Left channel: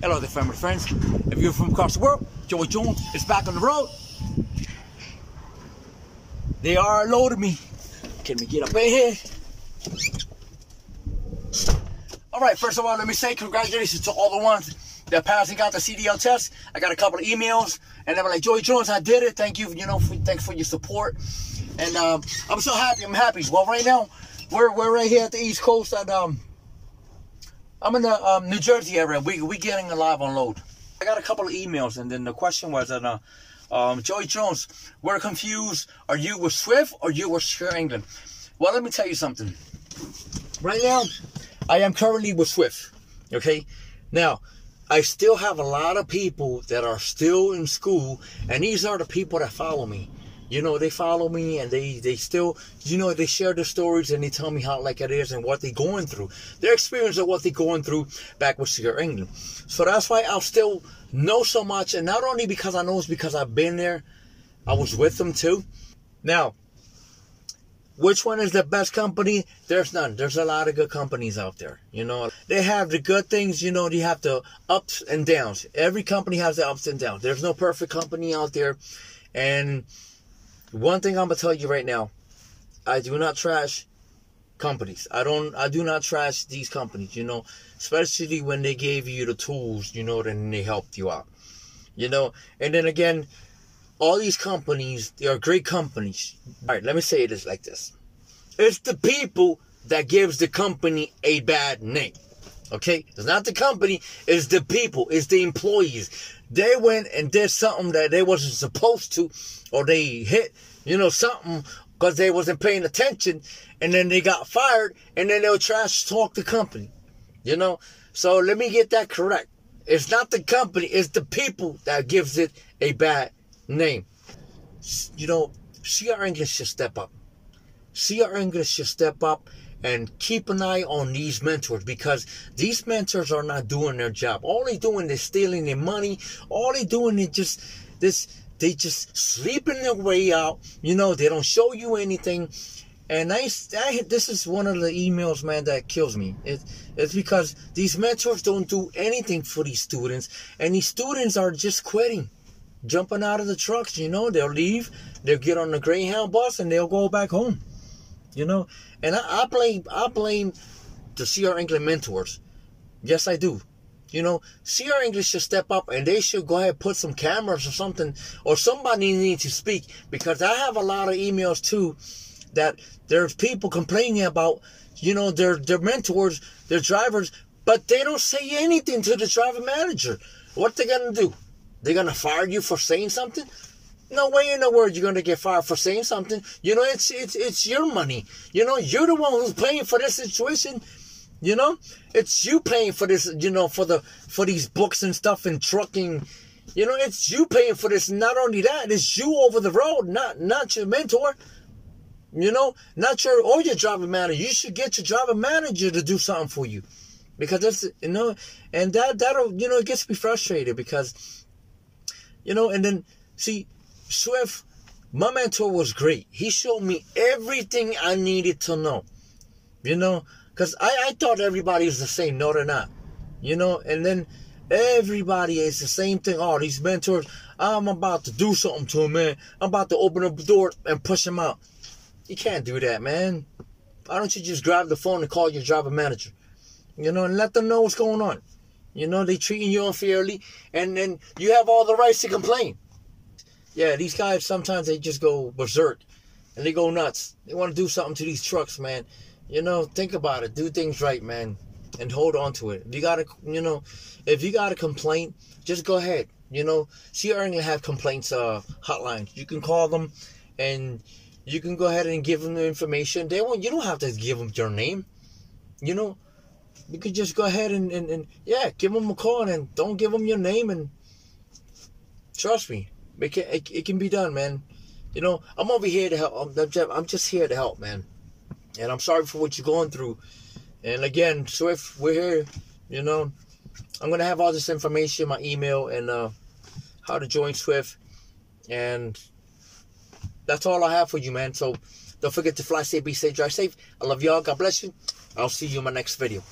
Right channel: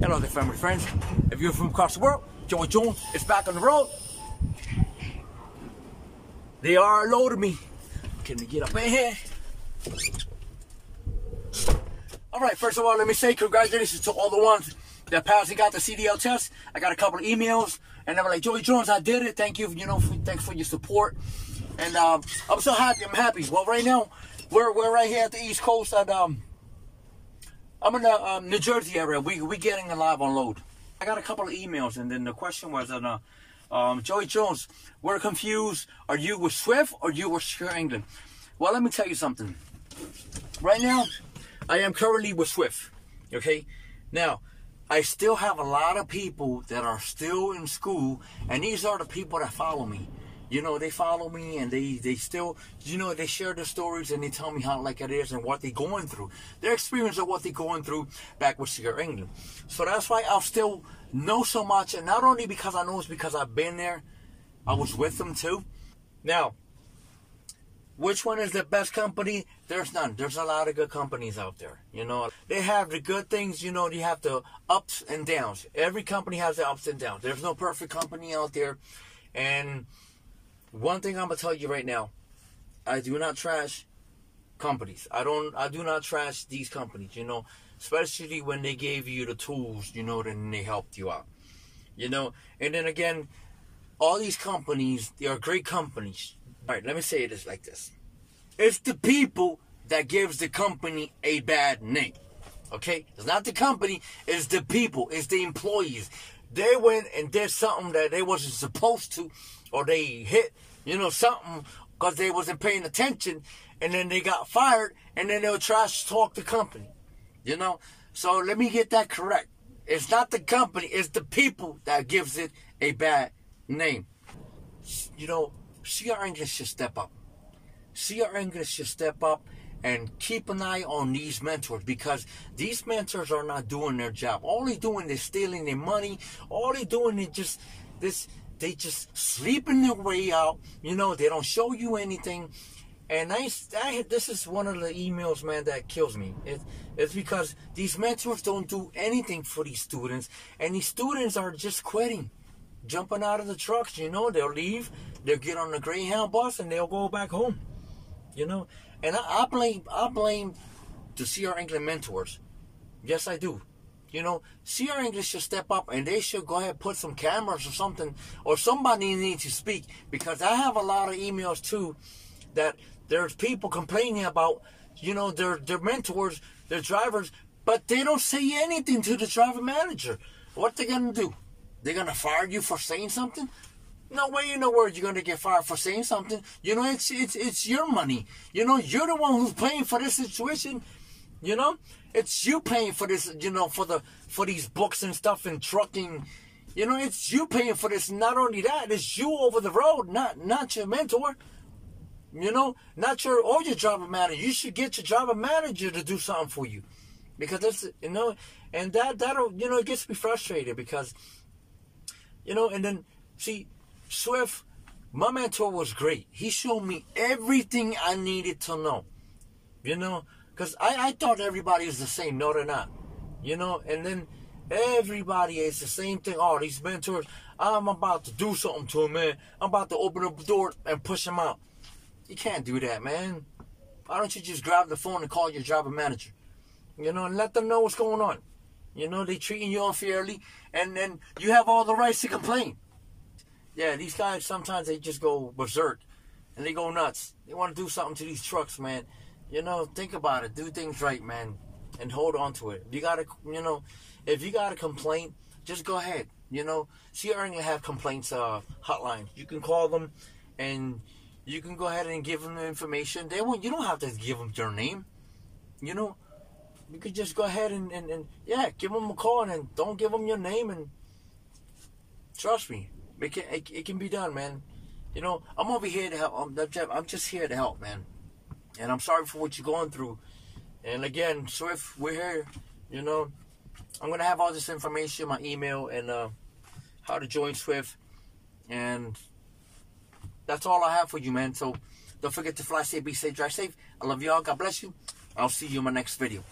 Hello there, family friends. If you're from across the world, Joey Jones is back on the road. They are loaded me. Can we get up in here? Alright, first of all, let me say congratulations to all the ones that passed and got the CDL test. I got a couple of emails, and they were like, Joey Jones, I did it. Thank you, thanks for your support. And I'm so happy. I'm happy. Well, right now, we're right here at the East Coast, and I'm in the New Jersey area. We getting a live unload. I got a couple of emails, and then the question was that Joey Jones, we're confused. Are you with Swift or you with Secure England? Well, let me tell you something. Right now, I am currently with Swift. Okay, now I still have a lot of people that are still in school, and these are the people that follow me. You know, they follow me, and they still, you know, they share their stories, and they tell me how like it is and what they're going through. Their experience of what they're going through back with Secure England. So that's why I'll still know so much, and not only because I know, it's because I've been there. I was with them too. Now, which one is the best company? There's none. There's a lot of good companies out there. You know, they have the good things. You know, you have the ups and downs. Every company has the ups and downs. There's no perfect company out there, and one thing I'm gonna tell you right now, I do not trash companies. I do not trash these companies, you know, especially when they gave you the tools, you know, then they helped you out. You know, and then again, all these companies, they are great companies. All right, let me say this like this. It's the people that gives the company a bad name. Okay? It's not the company, it's the people, it's the employees. They went and did something that they wasn't supposed to, or they hit, you know, something because they wasn't paying attention, and then they got fired, and then they'll trash talk the company, you know. So let me get that correct. It's not the company, it's the people that gives it a bad name. You know, CR English should step up. CR English should step up and keep an eye on these mentors, because these mentors are not doing their job. All they're doing is stealing their money. All they're doing is just this. They just sleeping their way out. You know, they don't show you anything. And this is one of the emails, man, that kills me. It's because these mentors don't do anything for these students, and these students are just quitting, jumping out of the trucks. You know, they'll leave, they'll get on the Greyhound bus, and they'll go back home. You know, and I blame the CR England mentors. Yes, I do. You know, CR English should step up, and they should go ahead and put some cameras or something, or somebody needs to speak, because I have a lot of emails too that there's people complaining about, you know, their mentors, their drivers, but they don't say anything to the driver manager. What they gonna do? They're gonna fire you for saying something? No way in the world you're gonna get fired for saying something. You know, it's your money. You know, you're the one who's paying for this situation. You know, it's you paying for this. You know, for these books and stuff and trucking. You know, it's you paying for this. Not only that, it's you over the road, not your mentor. You know, not your driver manager. You should get your driver manager to do something for you, because that's, you know, and that'll, you know, it gets me frustrated, because, you know, and then see. Swift, my mentor was great. He showed me everything I needed to know. You know, because I thought everybody was the same. No, they're not. You know, and then everybody is the same thing. Oh, these mentors, I'm about to do something to them, man. I'm about to open up the door and push them out. You can't do that, man. Why don't you just grab the phone and call your driver manager? You know, and let them know what's going on. You know, they treating you unfairly, and then you have all the rights to complain. Yeah, these guys, sometimes they just go berserk, and they go nuts. They want to do something to these trucks, man. You know, think about it. Do things right, man, and hold on to it. If you got to, you know, if you got a complaint, just go ahead. You know, CR England have complaints hotlines. You can call them, and you can go ahead and give them the information. You don't have to give them your name. You know, you could just go ahead and yeah, give them a call, and don't give them your name, and trust me. It can be done, man. You know, I'm over here to help. I'm just here to help, man. And I'm sorry for what you're going through. And again, Swift, we're here. You know, I'm going to have all this information, my email, and how to join Swift. And that's all I have for you, man. So don't forget to fly safe, be safe, drive safe. I love y'all. God bless you. I'll see you in my next video.